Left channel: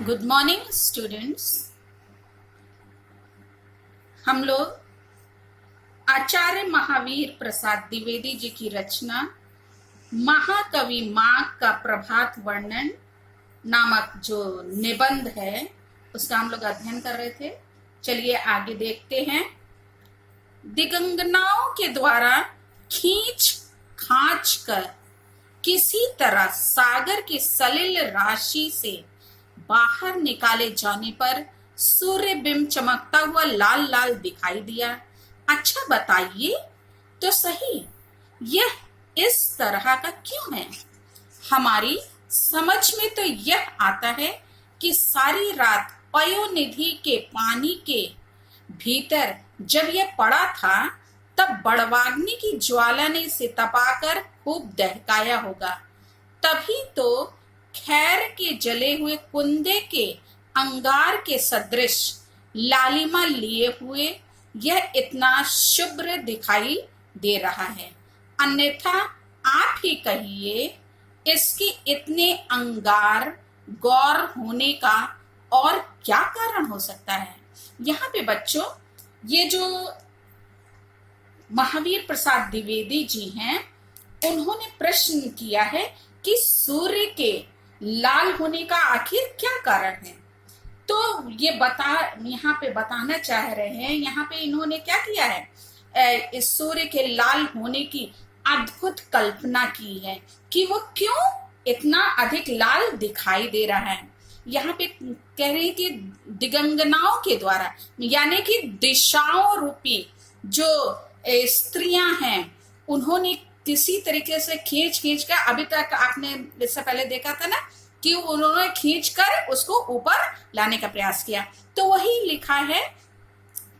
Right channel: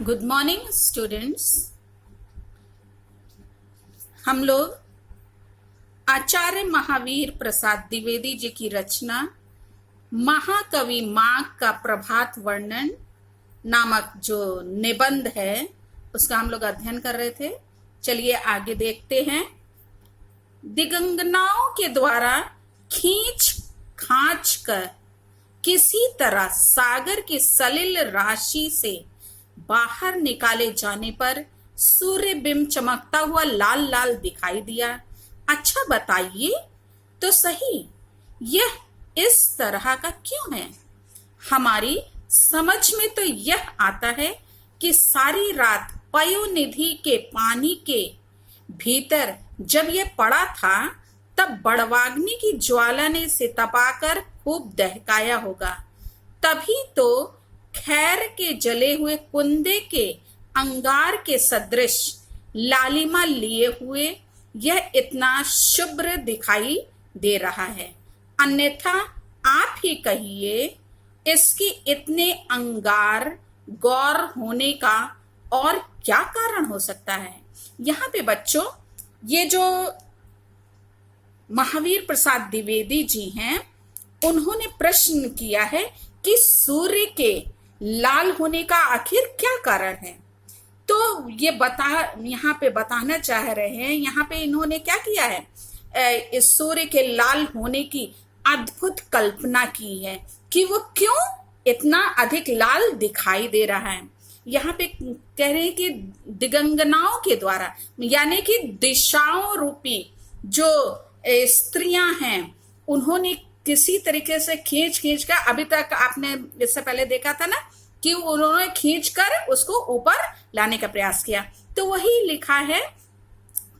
Good morning students. हम लोग आचार्य महावीर प्रसाद द्विवेदी जी की रचना महाकवि माघ का प्रभात वर्णन नामक जो निबंध है उसका हम लोग अध्ययन कर रहे थे। चलिए आगे देखते हैं। दिगंगनाओं के द्वारा खींच खांच कर किसी तरह सागर की सलिल राशि से बाहर निकाले जाने पर सूर्य बिंब चमकता हुआ लाल लाल दिखाई दिया। अच्छा बताइए तो सही, यह इस तरह का क्यों है? हमारी समझ में तो यह आता है कि सारी रात पयोनिधि के पानी के भीतर जब यह पड़ा था तब बड़वाग्नि की ज्वाला ने इसे तपाकर खूब दहकाया होगा। तभी तो खैर के जले हुए कुंदे के अंगार के सदृश लालिमा लिए हुए यह इतना शुभ्र दिखाई दे रहा है। अन्यथा आप ही कहिए, इसकी इतने अंगार गौर होने का और क्या कारण हो सकता है? यहाँ पे बच्चों, ये जो महावीर प्रसाद द्विवेदी जी हैं, उन्होंने प्रश्न किया है कि सूर्य के लाल होने का आखिर क्या कारण है। तो ये यहाँ पे बताना चाह रहे हैं। यहाँ पे इन्होंने क्या किया है, इस सूर्य के लाल होने की अद्भुत कल्पना की है कि वो क्यों इतना अधिक लाल दिखाई दे रहा है। यहाँ पे कह रहे हैं कि दिगंगनाओं के द्वारा, यानी कि दिशाओं रूपी जो स्त्रियां हैं, उन्होंने किसी तरीके से खींच खींच कर, अभी तक आपने इससे पहले देखा था ना कि उन्होंने खींच कर उसको ऊपर लाने का प्रयास किया। तो वही लिखा है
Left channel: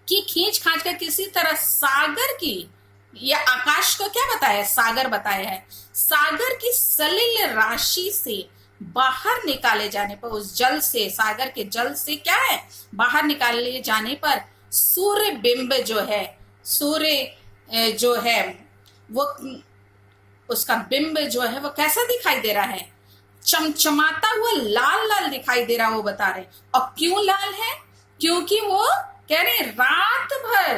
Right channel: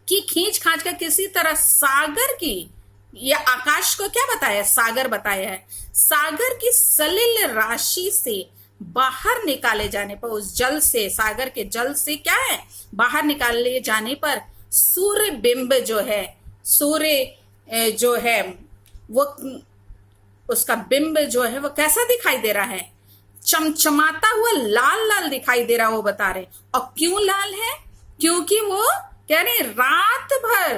कि खींच खांच कर किसी तरह सागर की, या आकाश को क्या बताया, सागर बताया है, सागर की सलिल राशि से बाहर निकाले जाने पर, उस जल से, सागर के जल से क्या है, बाहर निकाले जाने पर सूर्य बिंब जो है, सूर्य जो है वो, उसका बिंब जो है वो कैसा दिखाई दे रहा है, चमचमाता हुआ लाल लाल दिखाई दे रहा, वो बता रहे। और क्यों लाल है? क्योंकि वो कह रहे रात भर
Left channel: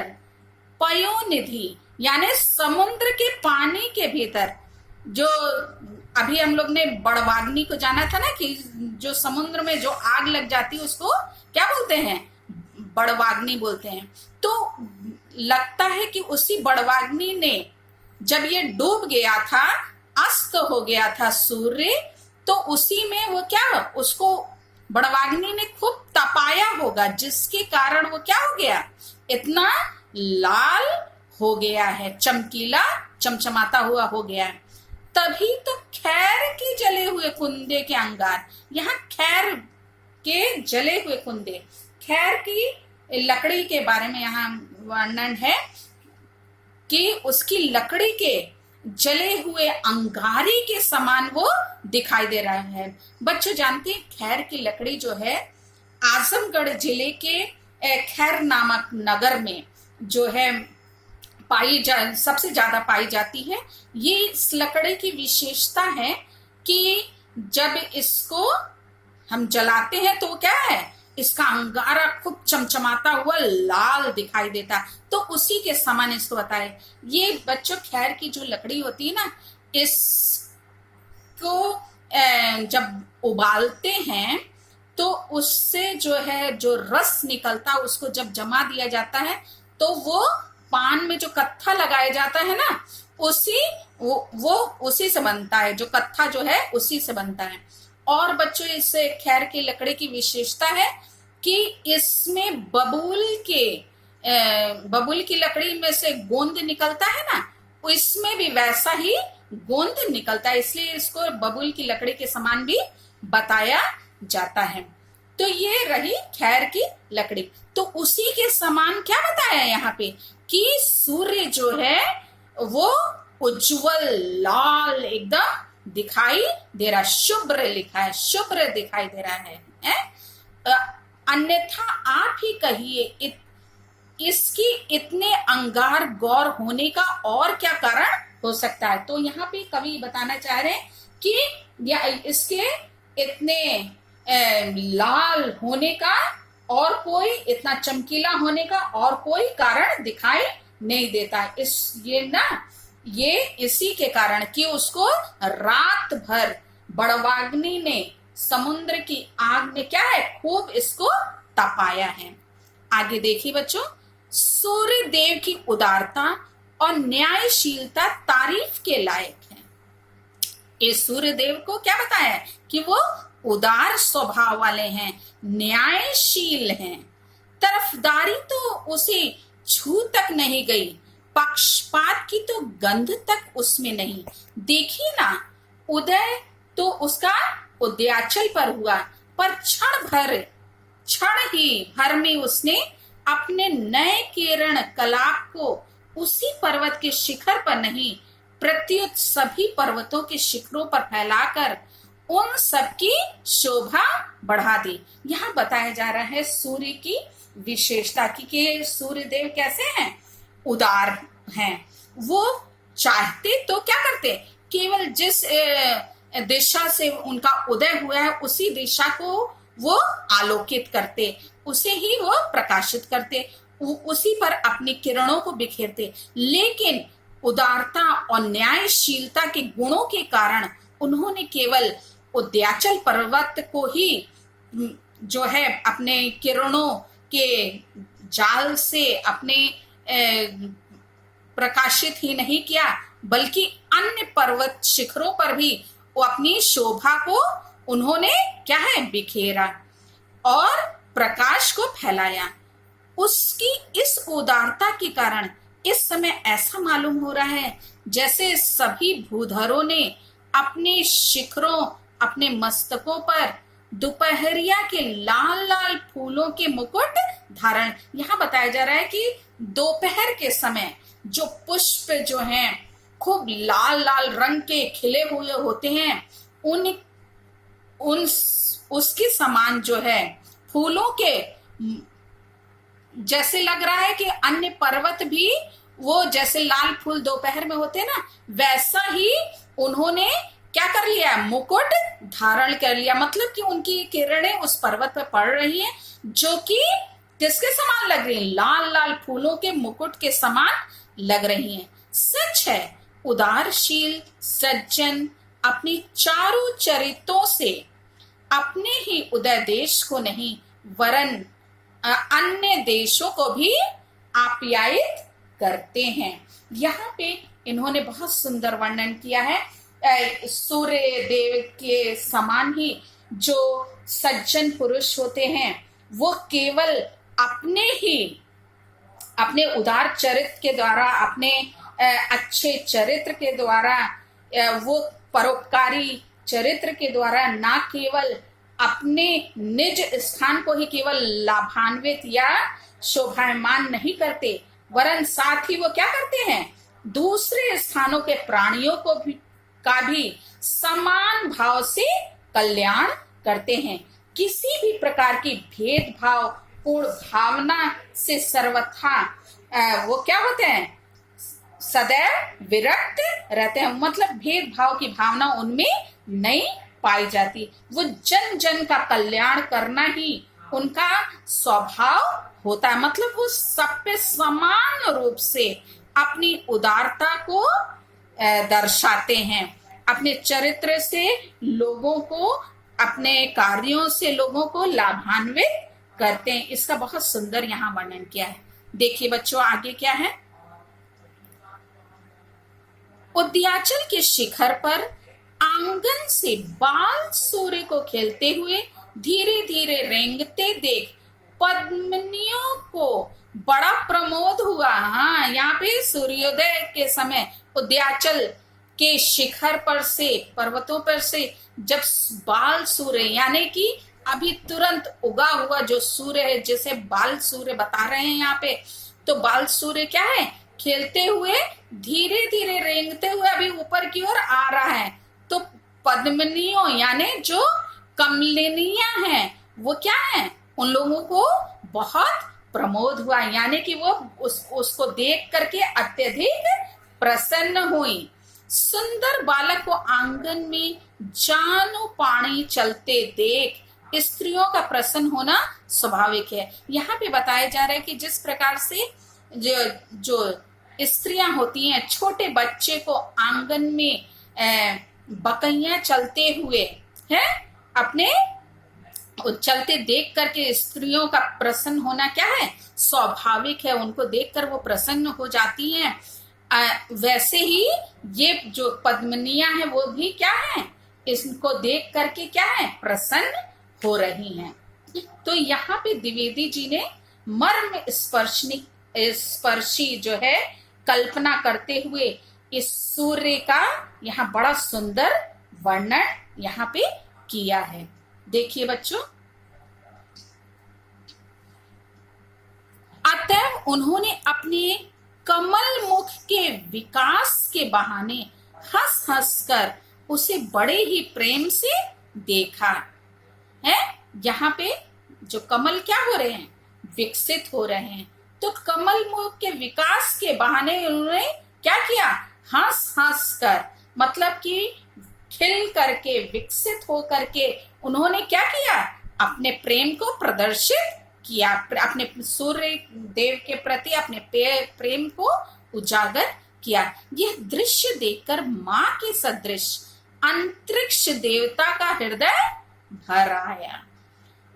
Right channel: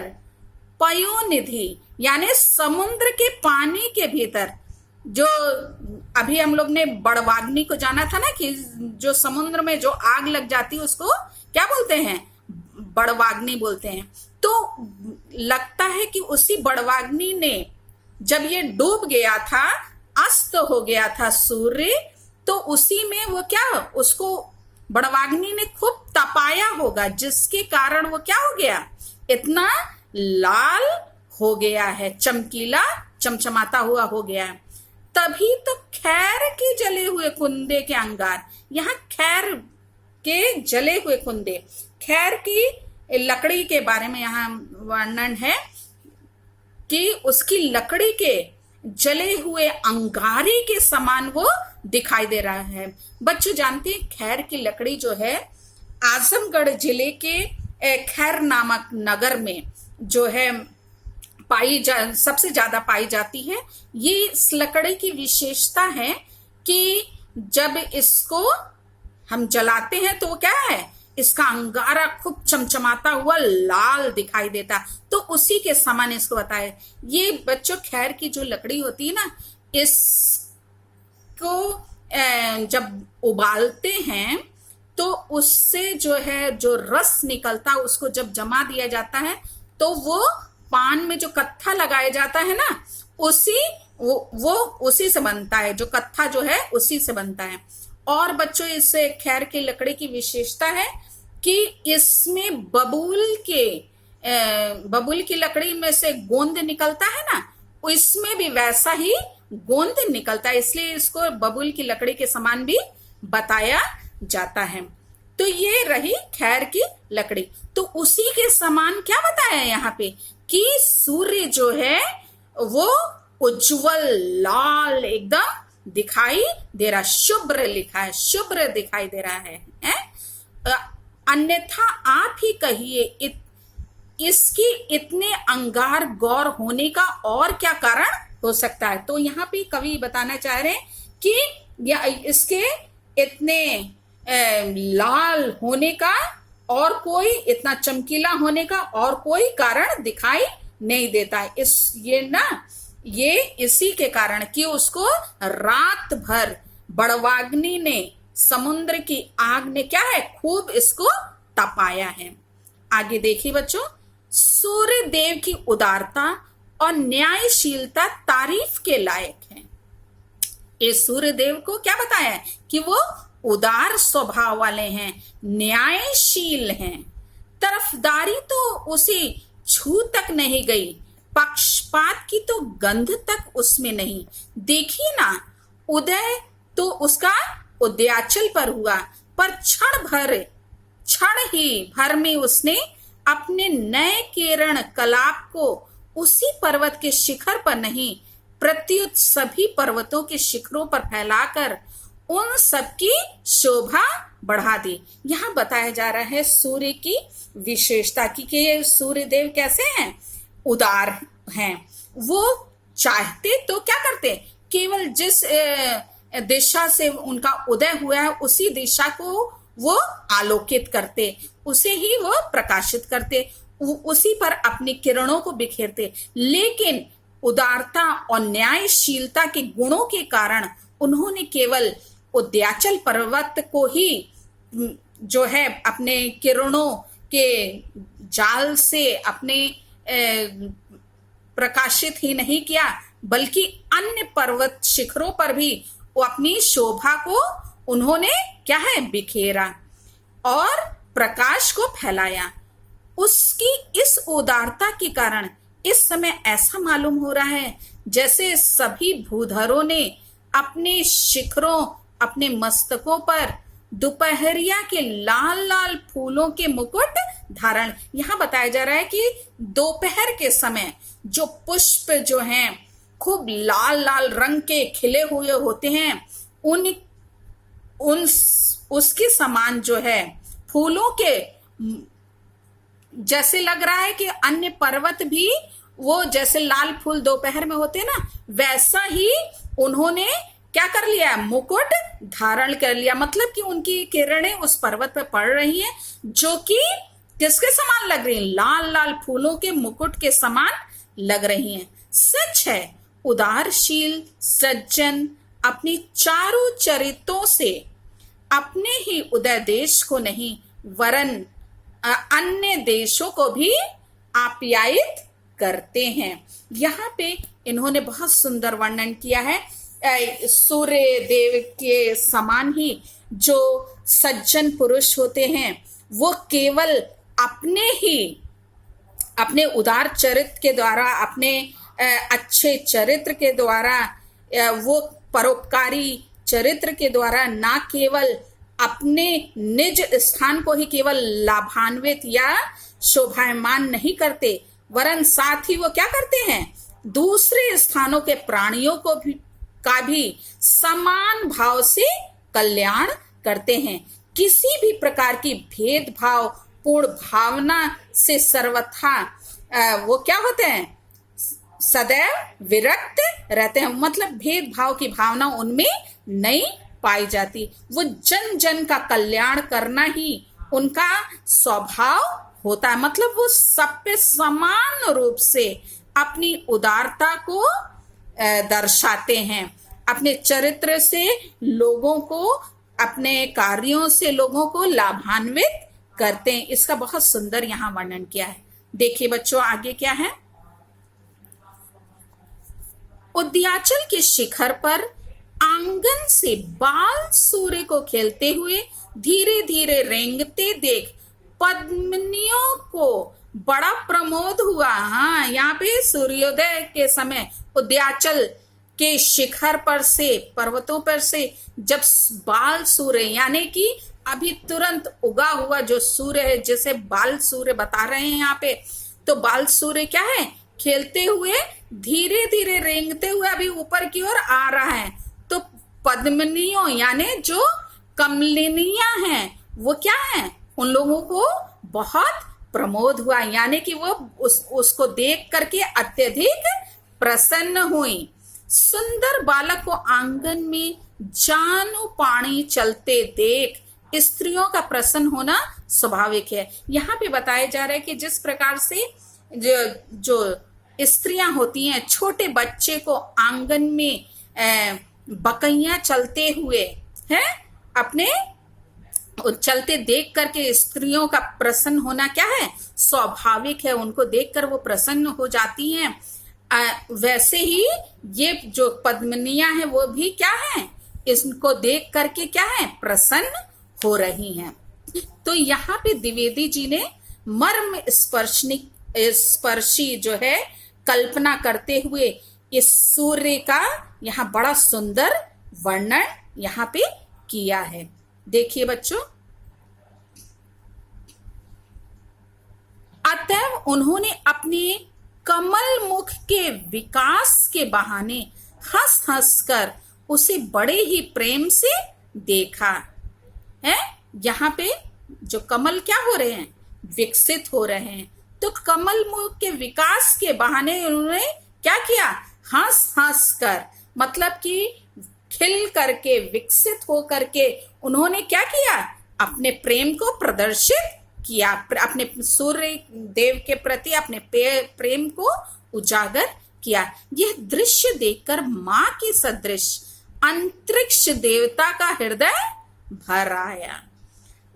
पयोनिधि यानी समुद्र के पानी के भीतर, जो अभी हम लोग ने बड़वाग्नि को जाना था ना कि जो समुद्र में जो आग लग जाती है उसको क्या बोलते हैं, बड़वाग्नि बोलते हैं। तो लगता है कि उसी बड़वाग्नि ने जब ये डूब गया था, अस्त हो गया था सूर्य, तो उसी में वो क्या, उसको बड़वाग्नि ने खूब तपाया होगा, जिसके कारण वो क्या हो गया, इतना लाल हो गया है, चमकीला चमचमाता हुआ हो गया है। तभी तो खैर के जले हुए कुंदे के अंगार, यहाँ खैर के जले हुए कुंदे, खैर की लकड़ी के बारे में यहाँ वर्णन है कि उसकी लकड़ी के जले हुए अंगारे के समान वो दिखाई दे रहा है। बच्चों जानते हैं खैर की लकड़ी जो है आजमगढ़ जिले के खैर नामक नगर में जो है सबसे ज्यादा पाई जाती है। ये इस लकड़ी की विशेषता है कि जब इसको हम जलाते हैं तो क्या है, इसका अंगारा खूब चमचमाता हुआ लाल दिखाई देता। तो उसी के समान इसको बताए। ये बच्चों खैर की जो लकड़ी होती है ना, इसको जब उबालते हैं तो उससे जो है जो रस निकलता, उसको जब जमा दिया जाता है तो वो पान में जो कत्था लगाया जाता है ना, वो उसी से बनता है, जो कत्था जो है उसी से बनता है। और बच्चों इस खैर की लकड़ी की विशेषता है कि इसमें बबूल की लकड़ी में से गोंद निकलता है ना, इसमें भी वैसा ही गोंद निकलता है, इसलिए इसको बबूल की लकड़ी के समान भी बताया जाता है। तो ये रही खैर की लकड़ी। तो उसी के समान क्या बताया यहाँ पे कि सूर्य जो है वो उज्जवल लाल एकदम दिखाई दे रहा, शुभ्र लिखा है, शुभ्र दिखाई दे रहा है? अन्यथा आप ही कहिए, इसकी इतने अंगार गौर होने का और क्या कारण हो सकता है? तो यहाँ पे कवि बताना चाह रहे हैं कि इसके इतने लाल होने का और कोई, इतना चमकीला होने का और कोई कारण दिखाई नहीं देता। ये इसी के कारण कि उसको रात भर बड़वाग्नि ने, समुद्र की आग ने क्या है, खूब इसको तपाया है। आगे देखिए बच्चों, सूर्य देव की उदारता और न्यायशीलता तारीफ के लायक है। ये सूर्य देव को क्या बताया है कि वो उदार स्वभाव वाले हैं, न्यायशील हैं। तरफदारी तो उसे छू तक नहीं गई, पक्षपात की तो गंध तक उसमें नहीं। देखिए ना, उदय तो उसका उदयाचल पर हुआ, पर क्षण ही भर में उसने अपने नए किरण कलाप को उसी पर्वत के शिखर पर नहीं, प्रत्युत सभी पर्वतों के शिखरों पर फैलाकर उन सबकी शोभा बढ़ा दी। यहाँ बताया जा रहा है सूर्य की विशेषता कि सूर्य देव कैसे हैं, उदार हैं। वो चाहते तो क्या करते, केवल जिस दिशा से उनका उदय हुआ है उसी दिशा को वो आलोकित करते, उसे ही वो प्रकाशित करते, उसी पर अपनी किरणों को बिखेरते। लेकिन उदारता और न्यायशीलता के गुणों के कारण उन्होंने केवल उदयाचल पर्वत को ही जो है अपने किरणों के जाल से अपने प्रकाशित ही नहीं किया, बल्कि अन्य पर्वत शिखरों पर भी वो अपनी शोभा को उन्होंने क्या है, बिखेरा और प्रकाश को फैलाया। उसकी इस उदारता के कारण इस समय ऐसा मालूम हो रहा है जैसे सभी भूधरों ने अपने शिखरों, अपने मस्तकों पर दोपहरिया के लाल लाल फूलों के मुकुट धारण। यहाँ बताया जा रहा है कि दोपहर के समय जो पुष्प जो हैं खूब लाल लाल रंग के खिले हुए होते हैं, उसके समान जो है फूलों के, जैसे लग रहा है कि अन्य पर्वत भी वो जैसे लाल फूल दोपहर में होते हैं ना, वैसा ही उन्होंने क्या कर लिया, मुकुट धारण कर लिया। मतलब कि उनकी किरणें उस पर्वत पर पड़ रही हैं जो कि किसके समान लग रही हैं, लाल लाल फूलों के मुकुट के समान लग रही हैं। सच है, उदारशील सज्जन अपनी चारों चरित्रों से अपने ही उदय देश को नहीं वरन अन्य देशों को भी आप्यायित करते हैं। यहाँ पे इन्होंने बहुत सुंदर वर्णन किया है। सूर्य देव के समान ही जो सज्जन पुरुष होते हैं वो केवल अपने उदार चरित्र के द्वारा, अपने अच्छे चरित्र के द्वारा, वो परोपकारी चरित्र के द्वारा ना केवल अपने निज स्थान को ही केवल लाभान्वित या शोभायमान नहीं करते, वरन साथ ही वो क्या करते हैं, दूसरे स्थानों के प्राणियों को भी समान भाव से कल्याण करते हैं। किसी भी प्रकार की भेदभाव पूर्ण भावना से सर्वथा वो क्या होते हैं, सदैव विरक्त रहते हैं। मतलब भेदभाव की भावना उनमें नहीं पाई जाती। वो जन जन का कल्याण करना ही उनका स्वभाव होता है। मतलब वो सब पे समान रूप से अपनी उदारता को दर्शाते हैं, अपने चरित्र से लोगों को, अपने कार्यों से लोगों को लाभान्वित करते हैं। इसका बहुत सुंदर यहाँ वर्णन किया है। देखिए बच्चों आगे क्या है, उदयाचल के शिखर पर आंगन से बाल सूर्य को खेलते हुए धीरे धीरे रेंगते देख पद्मिनियों को बड़ा प्रमोद हुआ। हाँ, यहाँ पे सूर्योदय के समय उदयाचल के शिखर पर से, पर्वतों पर से जब बाल सूर्य यानी कि अभी तुरंत उगा हुआ जो सूर्य है, जिसे बाल सूर्य बता रहे हैं यहाँ पे, तो बाल सूर्य क्या है, खेलते हुए धीरे धीरे रेंगते हुए अभी ऊपर की ओर आ रहा है। तो पद्मिनियों यानी जो कमलिनियां हैं वो क्या है, उन लोगों को बहुत प्रमोद हुआ, यानी कि वो उसको देख करके अत्यधिक प्रसन्न हुई। सुंदर बालक को आंगन में जानु पानी चलते देख स्त्रियों का प्रसन्न होना स्वाभाविक है। यहाँ पे बताया जा रहा है कि जिस प्रकार से जो स्त्रियां होती हैं, छोटे बच्चे को आंगन में बकैया चलते हुए हैं अपने चलते देख करके स्त्रियों का प्रसन्न होना क्या है, स्वाभाविक है। उनको देखकर वो प्रसन्न हो जाती हैं। वैसे ही ये जो पद्मिनियां हैं वो भी क्या है, इसको देख करके क्या है, प्रसन्न हो रही हैं। तो यहाँ पे द्विवेदी जी ने मर्म स्पर्शी जो है कल्पना करते हुए इस सूर्य का यहाँ बड़ा सुंदर वर्णन यहाँ पे किया है। देखिए बच्चों, अतएव उन्होंने अपने कमल मुख के विकास के बहाने हंस हंस कर उसे बड़े ही प्रेम से देखा है। यहाँ पे जो कमल क्या हो रहे हैं, विकसित हो रहे हैं। तो कमल मुख के विकास के बहाने उन्होंने क्या किया, हंस हंस कर, मतलब कि खिल करके, विकसित हो करके उन्होंने क्या किया, अपने प्रेम को प्रदर्शित किया, अपने सूर्य देव के प्रति अपने प्रेम को उजागर किया। यह दृश्य देखकर मां के सदृश अंतरिक्ष देवता का हृदय भर आया।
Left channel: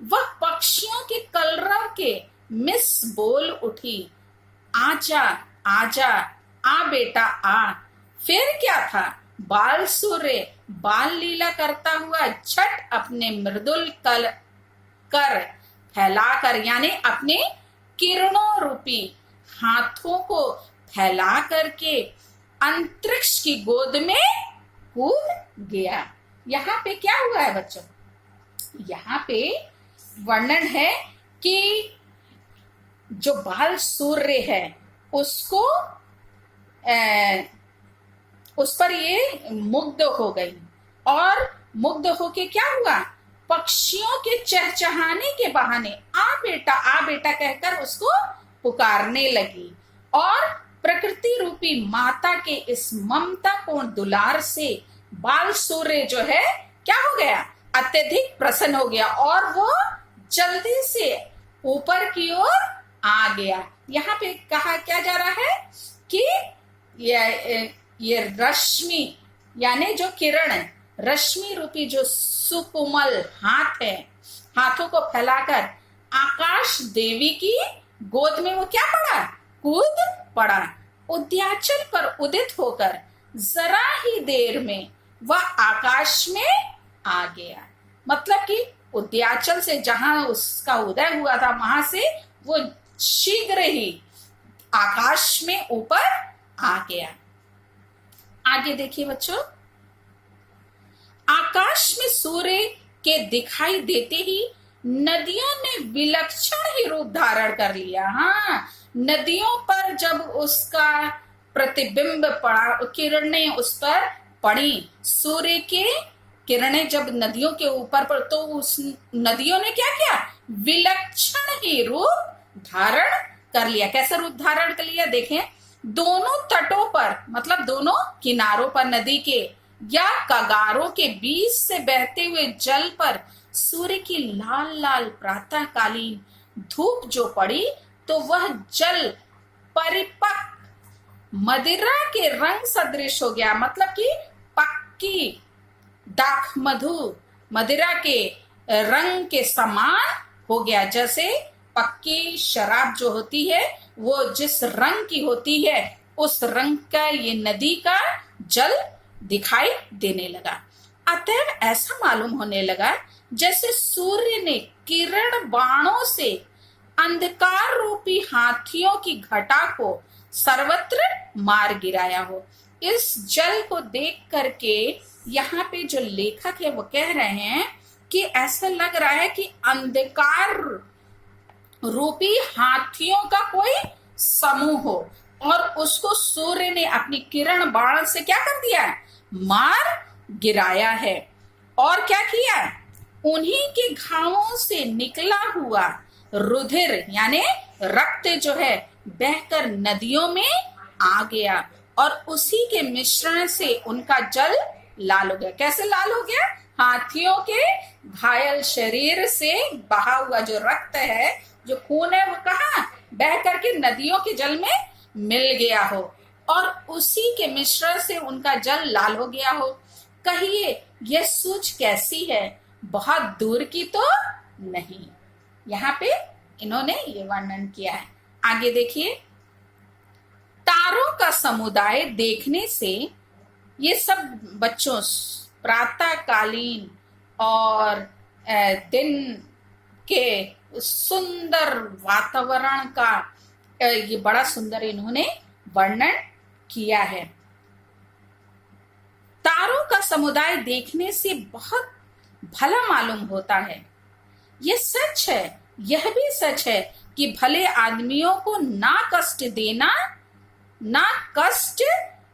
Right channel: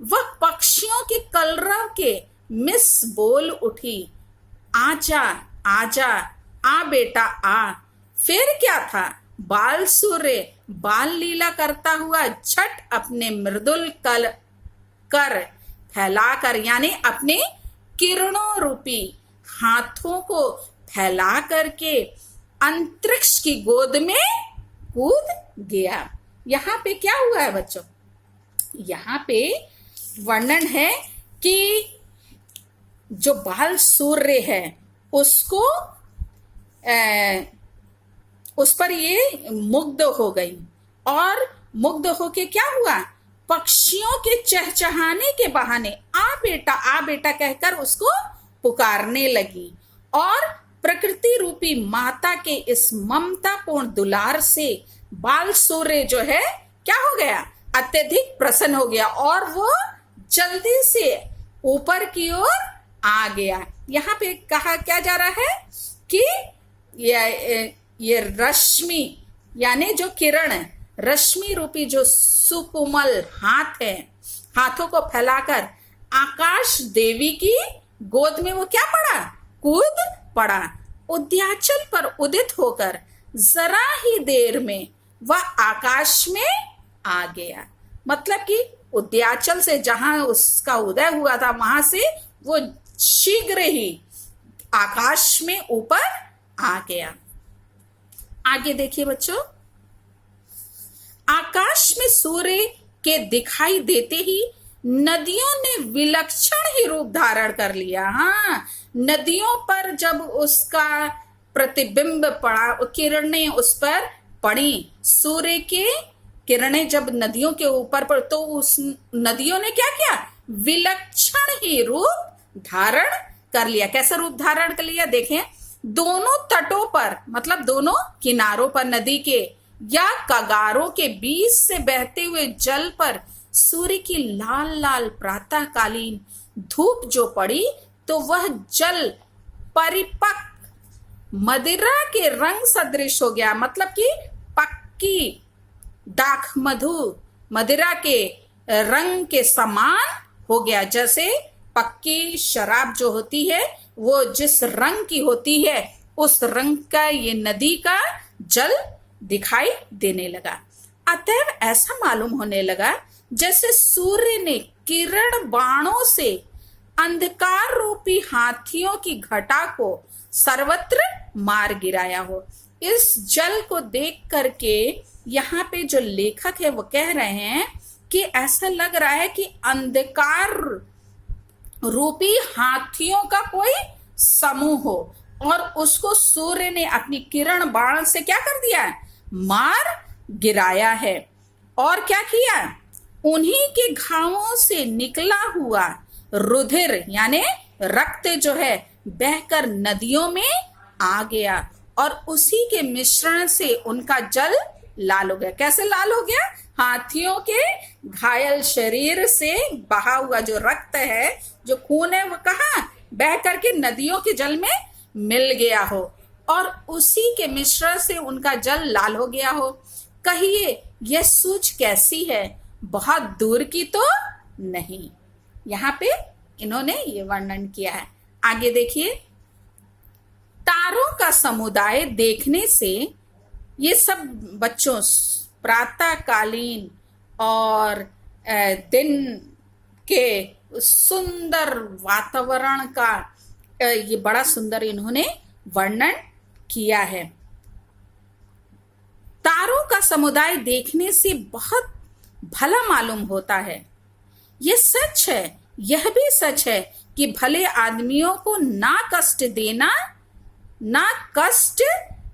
वह पक्षियों के कलरव के मिस बोल उठी, आजा आजा, आ बेटा आ। फिर क्या था, बाल सूर्य बाल लीला करता हुआ झट अपने मृदुल कर फैलाकर, यानी अपने किरणों रूपी हाथों को फैला करके अंतरिक्ष की गोद में कूद गया। यहाँ पे क्या हुआ है बच्चों, यहाँ पे वर्णन है कि जो बाल सूर्य है उसको उस पर ये मुग्ध हो गई, और मुग्ध होके क्या हुआ, पक्षियों के चहचहाने के बहाने आ बेटा कहकर उसको पुकारने लगी, और प्रकृति रूपी माता के इस ममतापूर्ण दुलार से बाल सूर्य जो है क्या हो गया, अत्यधिक प्रसन्न हो गया, और वो जल्दी से ऊपर की ओर आ गया। यहाँ पे कहा क्या जा रहा है कि ये रश्मि यानी जो किरण है, रश्मि रूपी जो सुकोमल हाथ है, हाथों को फैलाकर आकाश देवी की गोद में वो क्या पड़ा, कूद पड़ा। उद्याचल पर उदित होकर जरा ही देर में वह आकाश में आ गया। मतलब कि उद्याचल से जहां उसका उदय हुआ था वहां से वो शीघ्र ही आकाश में ऊपर आ गया। आगे देखिए बच्चों, आकाश में सूर्य के दिखाई देते ही नदियों ने विलक्षण ही रूप धारण कर लिया। हाँ, नदियों पर जब उसका प्रतिबिंब पड़ा, किरणें उस पर पड़ी, सूर्य के किरणें जब नदियों के ऊपर पर, तो उस नदियों ने क्या किया, विलक्षण ही रूप धारण कर लिया। कैसा रूप धारण कर लिया, देखें, दोनों तटों पर, मतलब दोनों किनारों पर नदी के या कगारों के बीच से बहते हुए जल पर सूर्य की लाल लाल प्रातःकालीन धूप जो पड़ी, तो वह जल परिपक्व मदिरा के रंग सदृश हो गया। मतलब कि पक्की दाख मधु मदिरा के रंग के समान हो गया। जैसे पक्की शराब जो होती है वो जिस रंग की होती है, उस रंग का ये नदी का जल दिखाई देने लगा। अतएव ऐसा मालूम होने लगा जैसे सूर्य ने किरण बाणों से अंधकार रूपी हाथियों की घटा को सर्वत्र मार गिराया हो। इस जल को देख करके यहाँ पे जो लेखक है वो कह रहे हैं कि ऐसा लग रहा है कि अंधकार रूपी हाथियों का कोई समूह हो, और उसको सूर्य ने अपनी किरण बाण से क्या कर दिया, मार गिराया है। और क्या किया, उन्हीं के घावों से निकला हुआ रुधिर यानी रक्त जो है बहकर नदियों में आ गया, और उसी के मिश्रण से उनका जल लाल हो गया। कैसे लाल हो गया, हाथियों के घायल शरीर से बहा हुआ जो रक्त है, जो खून है, वो कहाँ बह करके नदियों के जल में मिल गया हो और उसी के मिश्रण से उनका जल लाल हो गया हो। कहिए यह सूझ कैसी है, बहुत दूर की तो नहीं। यहाँ पे इन्होंने ये वर्णन किया है। आगे देखिए, तारों का समुदाय देखने से ये सब बच्चों प्रातःकालीन और दिन के सुंदर वातावरण का ये बड़ा सुंदर इन्होंने वर्णन किया है। तारों का समुदाय देखने से बहुत भला मालूम होता है। ये सच है, यह भी सच है कि भले आदमियों को ना कष्ट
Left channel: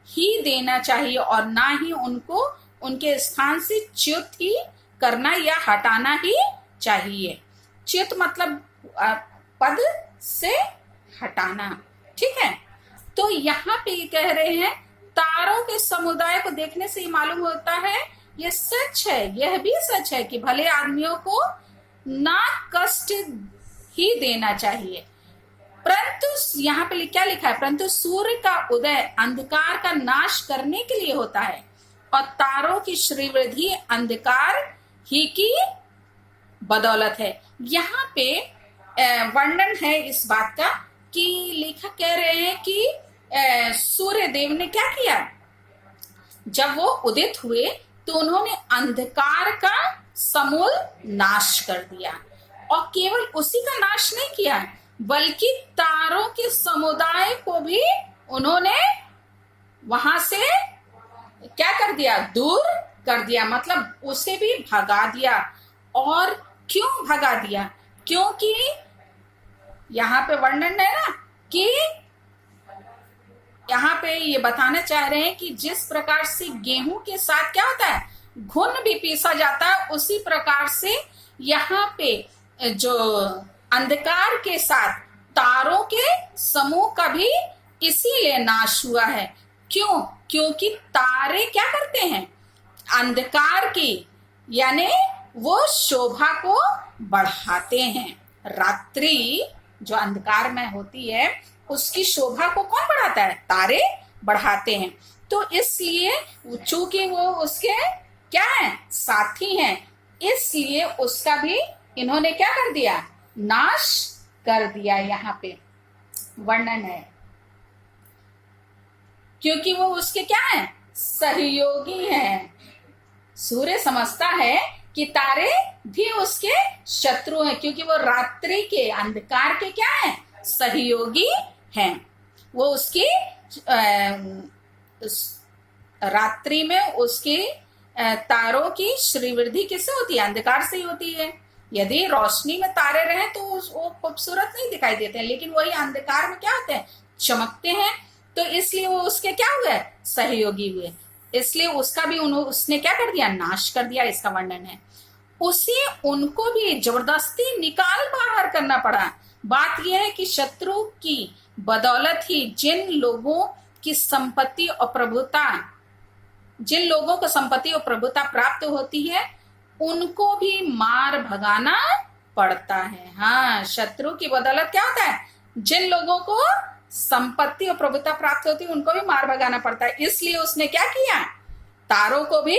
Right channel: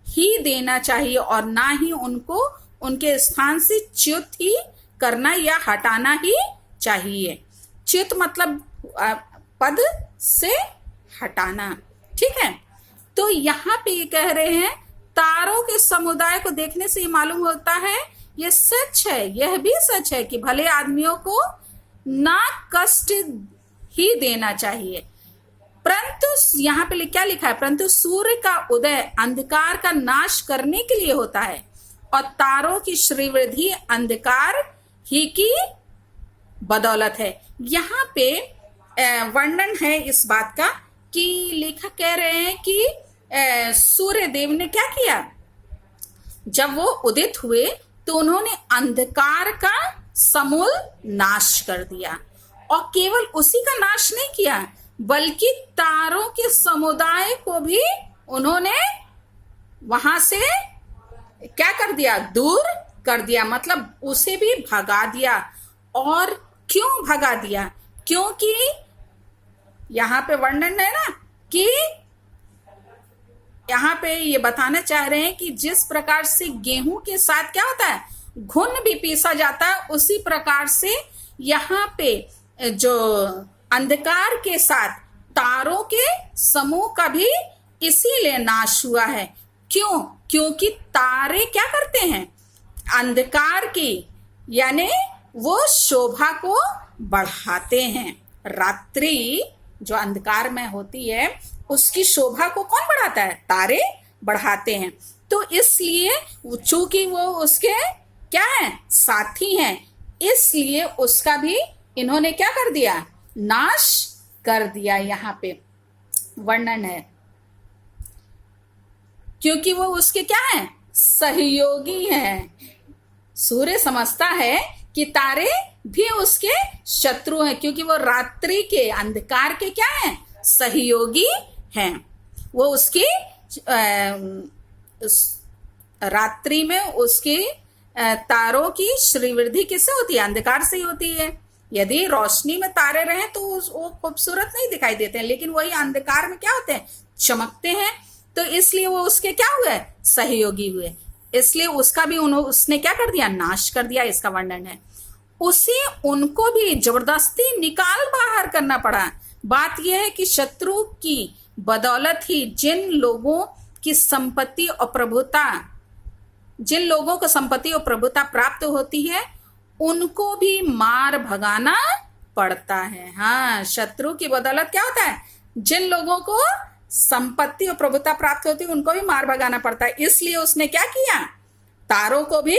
ही देना चाहिए और ना ही उनको उनके स्थान से च्युत ही करना या हटाना ही चाहिए। च्युत मतलब पद से हटाना, ठीक है। तो यहाँ पे ये कह रहे हैं तारों के समुदाय को देखने से मालूम होता है, ये सच है, यह भी सच है कि भले आदमियों को ना कष्ट ही देना चाहिए, परंतु यहाँ पे क्या लिखा है, परंतु सूर्य का उदय अंधकार का नाश करने के लिए होता है और तारों की श्रीवृद्धि अंधकार ही की बदौलत है। यहाँ पे वर्णन है इस बात का कि लेखक कह रहे हैं कि सूर्य देव ने क्या किया, जब वो उदित हुए तो उन्होंने अंधकार का समूल नाश कर दिया और केवल उसी का नाश नहीं किया बल्कि तारों के समुदाय को भी उन्होंने वहां से क्या कर दिया, दूर कर दिया, मतलब उसे भी भगा दिया। और क्यों भगा दिया, क्योंकि यहाँ पे वर्णन है ना कि यहाँ पे ये बताना चाह रहे हैं कि जिस प्रकार से गेहूं के साथ क्या होता है, घुन भी पीसा जाता है, उसी प्रकार से यहाँ पे जो अंधकार के साथ तारों के समूह का भी इसीलिए नाश हुआ है। क्यों, क्योंकि तारे क्या करते हैं, अंधकार की यानी वो शोभा को बढ़ाते हैं। रात्रि जो अंधकार में होती है उसकी शोभा को कौन बढ़ाता है, तारे बढ़ाते हैं। तो इसलिए चूंकि वो उसके क्या है, साथी हैं, इसलिए उसका भी इन्होंने क्या कर दिया, नाश कर दिया। यहाँ पे वर्णन है क्योंकि वो उसके क्या है, सहयोगी हैं। सूर्य समझता है कि तारे भी उसके शत्रु हैं क्योंकि वो रात्रि के अंधकार के क्या है, सहयोगी हैं। वो उसकी रात्रि में उसकी तारों की श्रीवृद्धि किससे होती है, अंधकार से ही होती है। यदि रोशनी में तारे रहे तो वो खूबसूरत नहीं दिखाई देते हैं, लेकिन वही अंधकार में क्या होते हैं, चमकते हैं। तो इसलिए वो उसके क्या हुए, सहयोगी हुए, इसलिए उसका भी उसने क्या कर दिया, नाश कर दिया। इसका वर्णन है उसे उनको भी जबरदस्ती निकाल बाहर करना पड़ा। बात यह है कि शत्रु की बदौलत ही जिन लोगों की संपत्ति और प्रभुता, जिन लोगों को संपत्ति और प्रभुता प्राप्त होती है उनको भी मार भगाना पड़ता है। हाँ, शत्रु की बदौलत क्या होता है, जिन लोगों को संपत्ति और प्रभुता प्राप्त होती है उनको भी मार भगाना पड़ता है। इसलिए उसने क्या किया, तारों को भी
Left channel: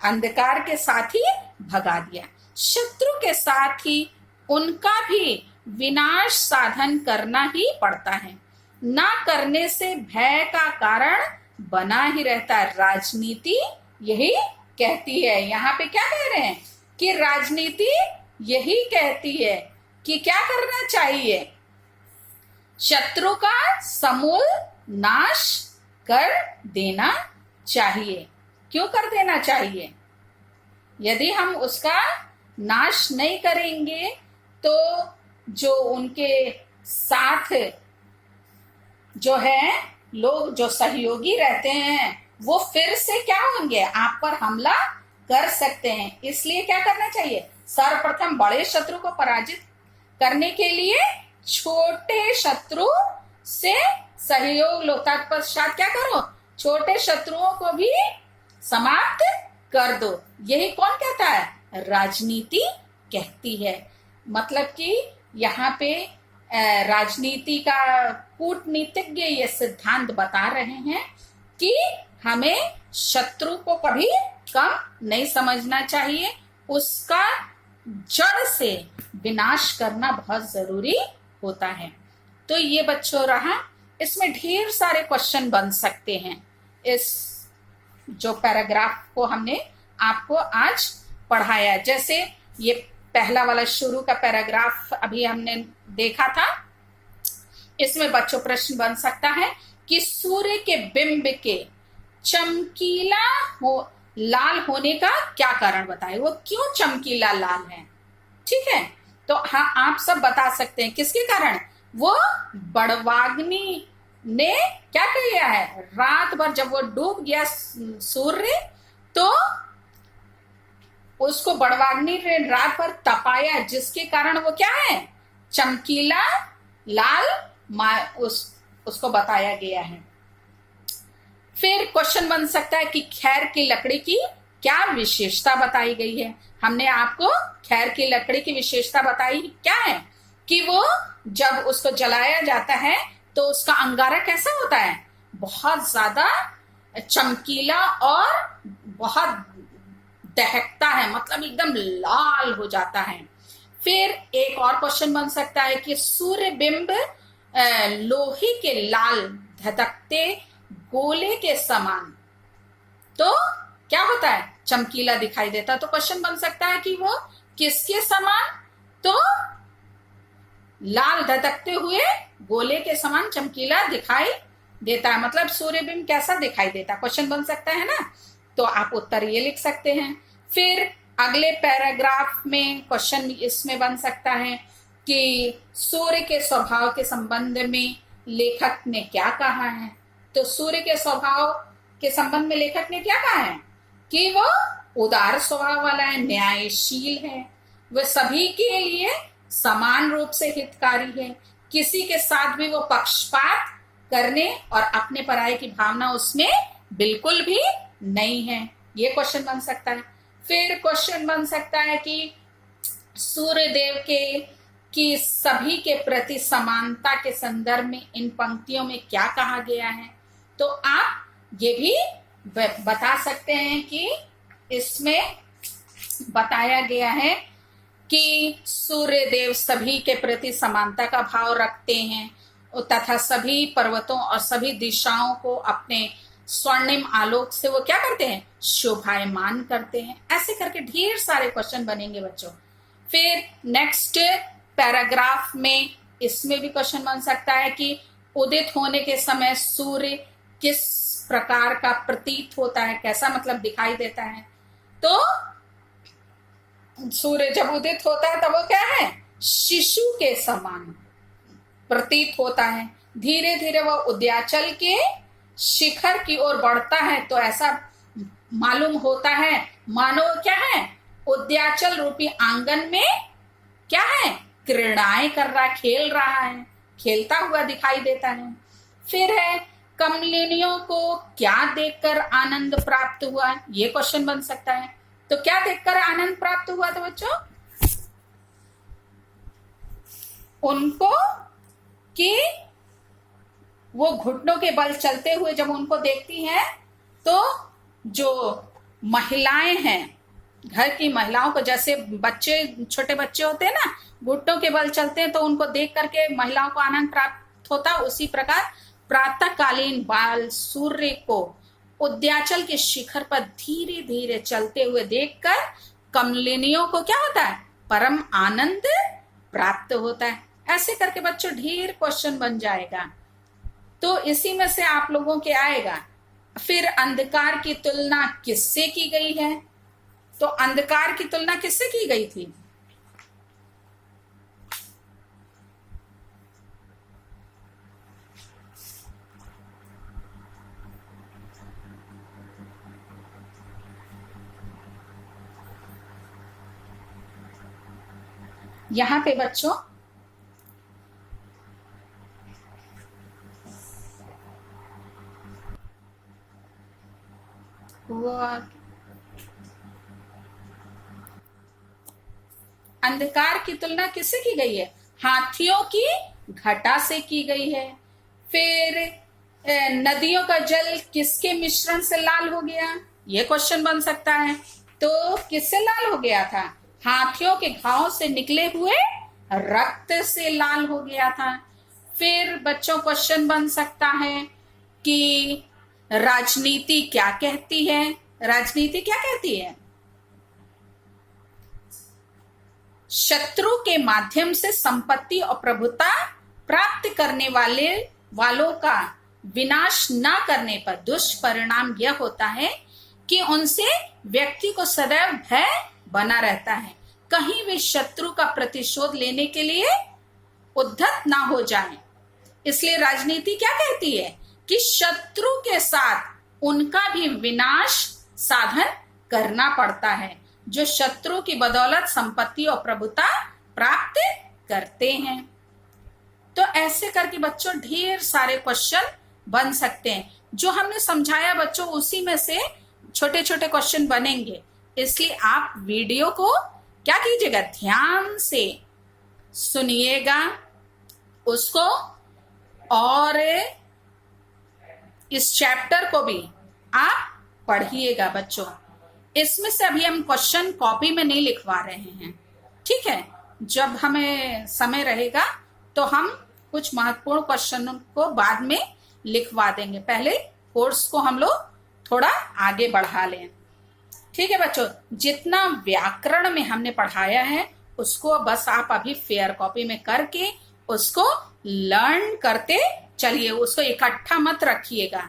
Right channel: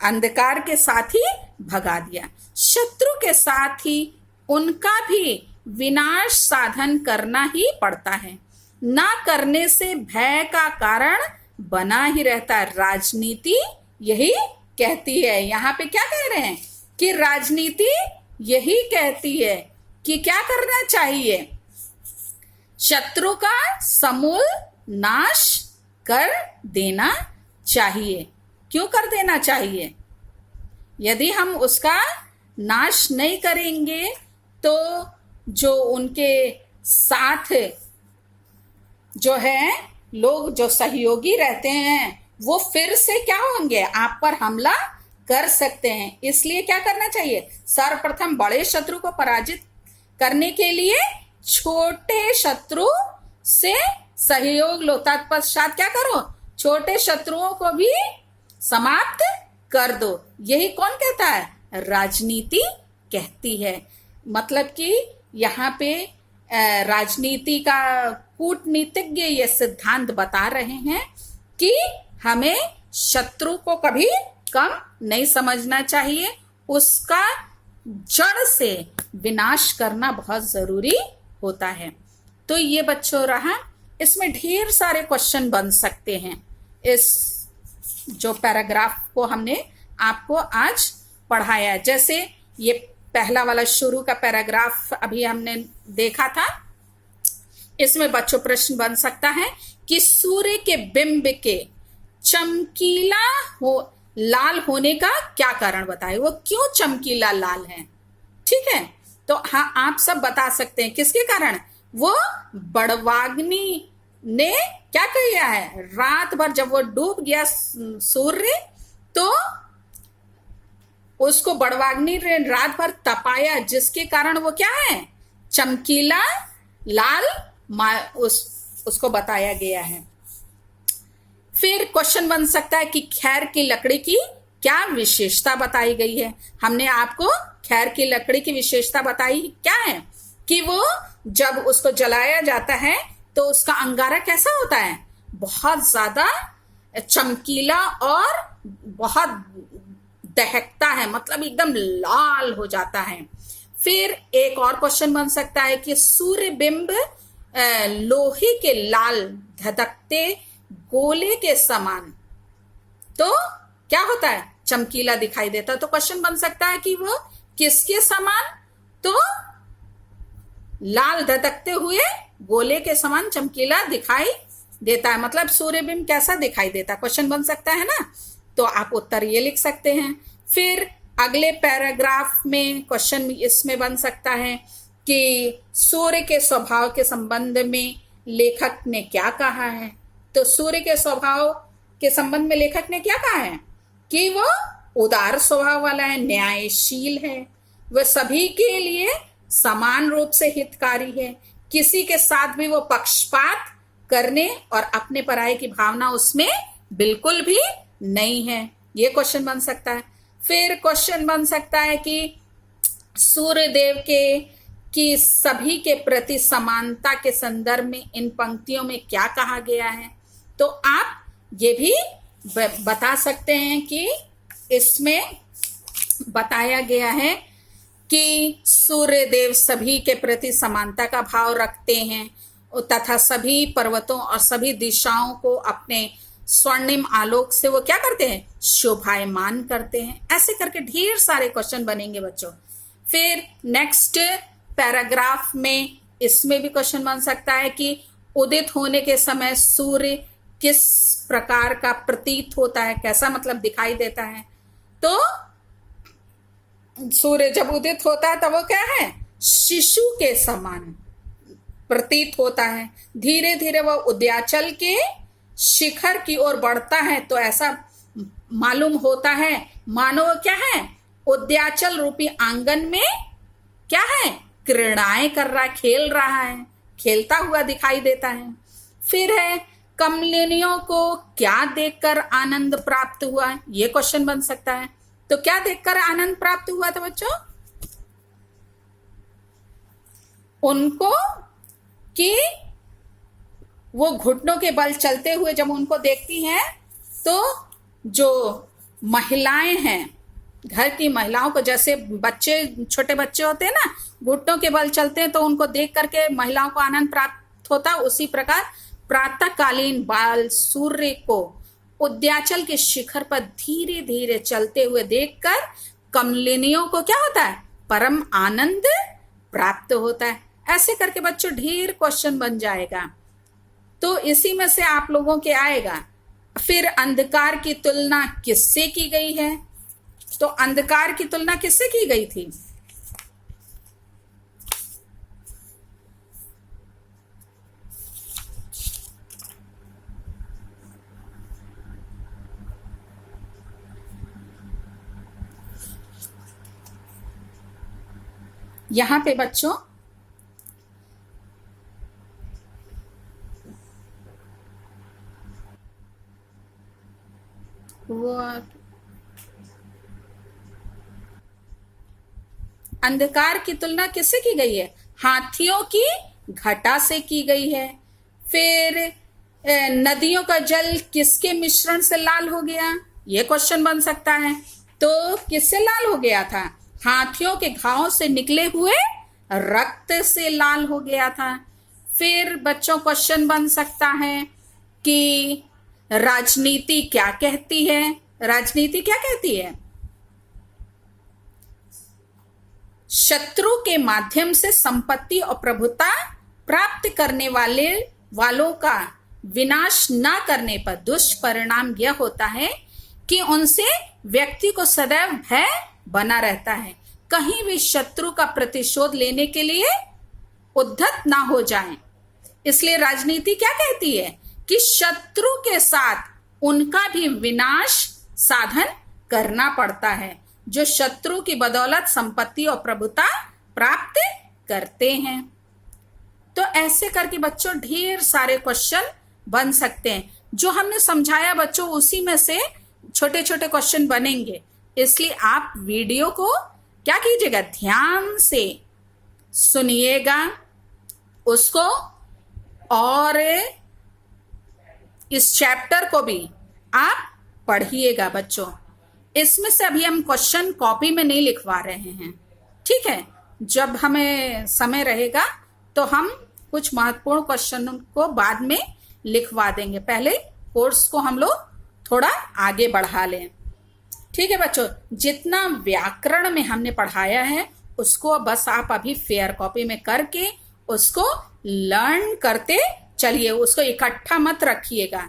अंधकार के साथ ही भगा दिया। शत्रु के साथ ही उनका भी विनाश साधन करना ही पड़ता है, ना करने से भय का कारण बना ही रहता है। राजनीति यही कहती है, यहाँ पे क्या कह रहे हैं कि राजनीति यही कहती है कि क्या करना चाहिए, शत्रु का समूल नाश कर देना चाहिए। क्यों कर देना चाहिए, यदि हम उसका नाश नहीं करेंगे तो जो उनके साथ जो है लोग जो सहयोगी रहते हैं वो फिर से क्या होंगे, आप पर हमला कर सकते हैं। इसलिए क्या करना चाहिए, सर्वप्रथम बड़े शत्रु को पराजित करने के लिए छोटे शत्रु से सहयोग लो, तत्पश्चात क्या करो, छोटे शत्रुओं को भी समाप्त कर दो। यही कौन कहता है? राजनीति कहती है। मतलब कि यहाँ पे राजनीति का कूटनीतिज्ञ ये सिद्धांत बता रहे हैं कि हमें शत्रु को कभी कम नहीं समझना चाहिए, उसका जड़ से विनाश करना बहुत जरूरी होता है। तो ये बच्चों रहा, इसमें ढेर सारे क्वेश्चन बन सकते हैं। इस जो पैराग्राफ को हमने आपको आज पढ़ाया, जैसे ये पहला वाला शुरू का पैराग्राफ अभी हमने देखा था, इसमें बच्चों प्रश्न बन सकता है कि सूर्य के बिंब के चमकीला लाल होने का क्या कारण बताए, वो क्यों चमकीला लाल है। ठीक है, तो हाँ आप सब बता सकते हैं किसके कारण। वो बड़वाग्नि ने क्या किया है, रात भर जब वो डूब गया सूर्य, तो उसको बड़वाग्नि ने रात भर तपाया, जिसके कारण वो क्या है, चमकीला लाल उसको बताया गया है। फिर क्वेश्चन बन सकता है कि खैर की लकड़ी की क्या विशेषता बताई गई है। हमने आपको खैर की लकड़ी की विशेषता बताई क्या है कि वो जब उसको जलाया जाता है तो उसका अंगारा कैसा होता है, बहुत ज्यादा चमकीला और बहुत दहकता है, मतलब एकदम लाल हो जाता है। फिर एक और क्वेश्चन बन सकता है कि सूर्य बिंब लोहे के लाल धधकते गोले के समान तो क्या होता है, चमकीला दिखाई देता है। तो क्वेश्चन बन सकता है कि वो किसके समान, तो लाल धधकते हुए गोले के समान चमकीला दिखाई देता है, मतलब सूर्यबिंब कैसा दिखाई देता है, क्वेश्चन बन सकता है ना। तो आप उत्तर ये लिख सकते हैं। फिर अगले पैराग्राफ में क्वेश्चन इसमें बन सकता है कि सूर्य के स्वभाव के संबंध में लेखक ने क्या कहा है। तो सूर्य के स्वभाव के संबंध में लेखक ने क्या कहा है कि वो उदार स्वभाव वाला है, न्यायशील है, वह सभी के लिए समान रूप से हितकारी है, किसी के साथ भी वो पक्षपात करने और अपने पराये की भावना उसमें बिल्कुल भी नहीं है। ये क्वेश्चन बन सकता है। फिर क्वेश्चन बन सकता है कि सूर्य देव के कि सभी के प्रति समानता के संदर्भ में इन पंक्तियों में क्या कहा गया है। तो आप ये भी बता सकते हैं कि इसमें बताया गया है कि सूर्य देव सभी के प्रति समानता का भाव रखते हैं तथा सभी पर्वतों और सभी दिशाओं को अपने स्वर्णिम आलोक से वो क्या करते हैं, शोभायमान करते हैं। ऐसे करके ढेर सारे क्वेश्चन बनेंगे बच्चों। फिर नेक्स्ट पैराग्राफ में इसमें भी क्वेश्चन बन सकता है कि उदित होने के समय सूर्य किस प्रकार का प्रतीत होता है, कैसा मतलब दिखाई देता है। तो सूर्य जब उदित होता है तब वो क्या है, शिशु के समान प्रतीत होता है। धीरे धीरे वह उदयाचल के शिखर की ओर बढ़ता है तो ऐसा मालूम होता है मानो क्या है, उदयाचल रूपी आंगन में क्या है, क्रीड़ाएं कर रहा, खेल रहा है, खेलता हुआ दिखाई देता है। फिर है कमलिनियों को क्या देखकर आनंद प्राप्त हुआ, ये क्वेश्चन बन सकता है। तो क्या देखकर आनंद प्राप्त हुआ था बच्चों, उनको कि वो घुटनों के बल चलते हुए जब उनको देखती हैं तो जो महिलाएं हैं, घर की महिलाओं को, जैसे बच्चे छोटे बच्चे होते हैं ना, घुटनों के बल चलते हैं तो उनको देख करके महिलाओं को आनंद प्राप्त होता, उसी प्रकार प्रातःकालीन बाल सूर्य को उदयाचल के शिखर पर धीरे धीरे चलते हुए देखकर कमलिनियों को क्या होता है, परम आनंद प्राप्त होता है। ऐसे करके बच्चों ढेर क्वेश्चन बन जाएगा। तो इसी में से आप लोगों के आएगा। फिर अंधकार की तुलना किससे की गई है, तो अंधकार की तुलना किससे की गई थी, यहां पे बच्चों वो अंधकार की तुलना किससे की गई है? हाथियों की घटा से की गई है। फिर नदियों का जल किसके मिश्रण से लाल हो गया? ये क्वेश्चन बन सकता है। तो किससे लाल हो गया था? हाथियों के घावों से निकले हुए रक्त से लाल हो गया था। फिर बच्चों क्वेश्चन बन सकता है कि राजनीति क्या कहती है? राजनीति क्या कहती है? शत्रु के माध्यम से संपत्ति और प्रभुता प्राप्त करने वालों का विनाश न करने पर दुष्परिणाम यह होता है कि उनसे व्यक्ति को सदैव भय बना रहता है, कहीं भी शत्रु का प्रतिशोध लेने के लिए उद्धत ना हो जाएं। इसलिए राजनीति क्या कहती है कि शत्रु के साथ उनका भी विनाश साधन करना पड़ता है, जो शत्रु की बदौलत संपत्ति और प्रभुता प्राप्त करते हैं। तो ऐसे करके बच्चों ढेर सारे क्वेश्चन बन सकते हैं। जो हमने समझाया बच्चों, उसी में से छोटे छोटे क्वेश्चन बनेंगे। इसलिए आप वीडियो को क्या कीजिएगा, ध्यान से सुनिएगा उसको, और इस चैप्टर को भी आप पढ़िएगा बच्चों। इसमें से अभी हम क्वेश्चन कॉपी में नहीं लिखवा रहे हैं, ठीक है। जब हमें समय रहेगा तो हम कुछ महत्वपूर्ण क्वेश्चन को बाद में लिखवा देंगे। पहले कोर्स को हम लोग थोड़ा आगे बढ़ा लें, ठीक है बच्चों। जितना व्याकरण में हमने पढ़ाया है उसको बस आप अभी फेयर कॉपी में करके उसको लर्न करते चलिए, उसको इकट्ठा मत रखिएगा।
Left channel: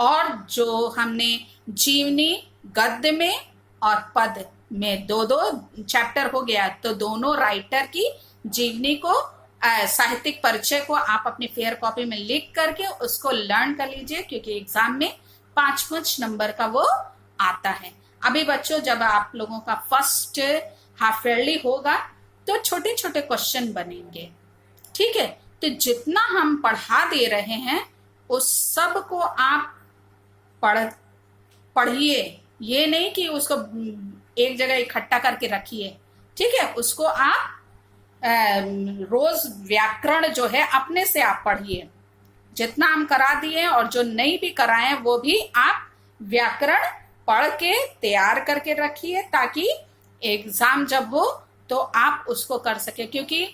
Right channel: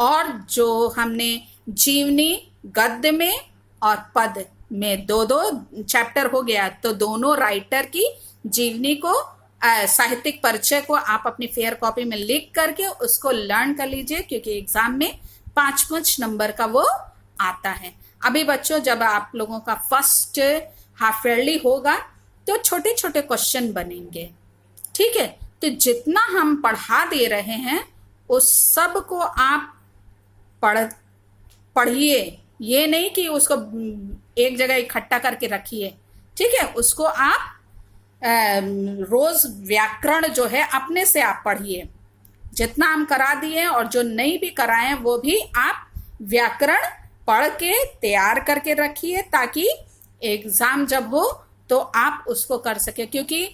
और जो हमने जीवनी गद्य में और पद में दो दो चैप्टर हो गया, तो दोनों राइटर की जीवनी को साहित्यिक परिचय को आप अपनी फेयर कॉपी में लिख करके उसको लर्न कर लीजिए, क्योंकि एग्जाम में 5 नंबर का वो आता है। अभी बच्चों जब आप लोगों का फर्स्ट हाफ ईयरली होगा तो छोटे छोटे क्वेश्चन बनेंगे, ठीक है। तो जितना हम पढ़ा दे रहे हैं उस सब को आप पढ़िए, ये नहीं कि उसको एक जगह इकट्ठा करके रखिए, ठीक है। उसको आप रोज व्याकरण जो है अपने से आप पढ़िए, जितना हम करा दिए और जो नहीं भी कराए वो भी आप व्याकरण पढ़ के तैयार करके रखिए, ताकि एग्जाम जब हो तो आप उसको कर सके। क्योंकि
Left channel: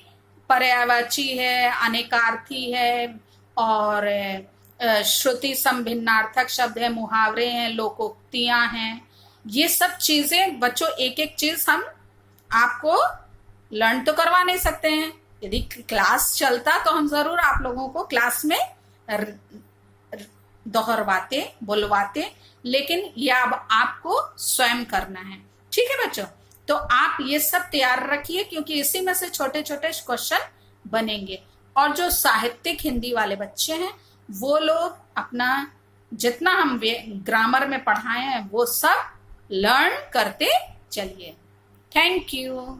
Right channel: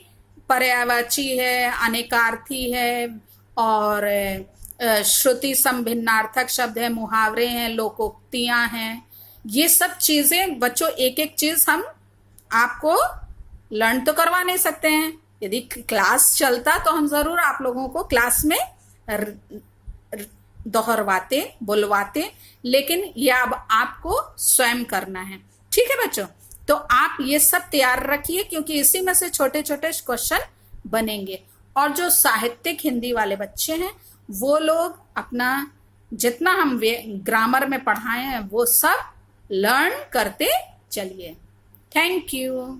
पर्यायवाची है, अनेकार्थी है, और श्रुति संभिन्नार्थक शब्द है, मुहावरे हैं, लोकोक्तियां हैं। ये सब चीजें बच्चों एक एक चीज हम आपको लर्न तो करवा नहीं सकते हैं। यदि क्लास चलता तो हम जरूर आप लोगों को क्लास में दोहरवाते, बुलवाते, लेकिन ये अब आपको स्वयं करना है, ठीक है बच्चों। तो आप ये सब तैयार रखिए, क्योंकि इसी में से छोटे छोटे क्वेश्चन बनेंगे। और जो साहित्यिक हिंदी वाले बच्चे हैं वो लोग अपना जितना हम ग्रामर में पढ़ाए हैं वो सब लर्न करते चलिए। Thank you.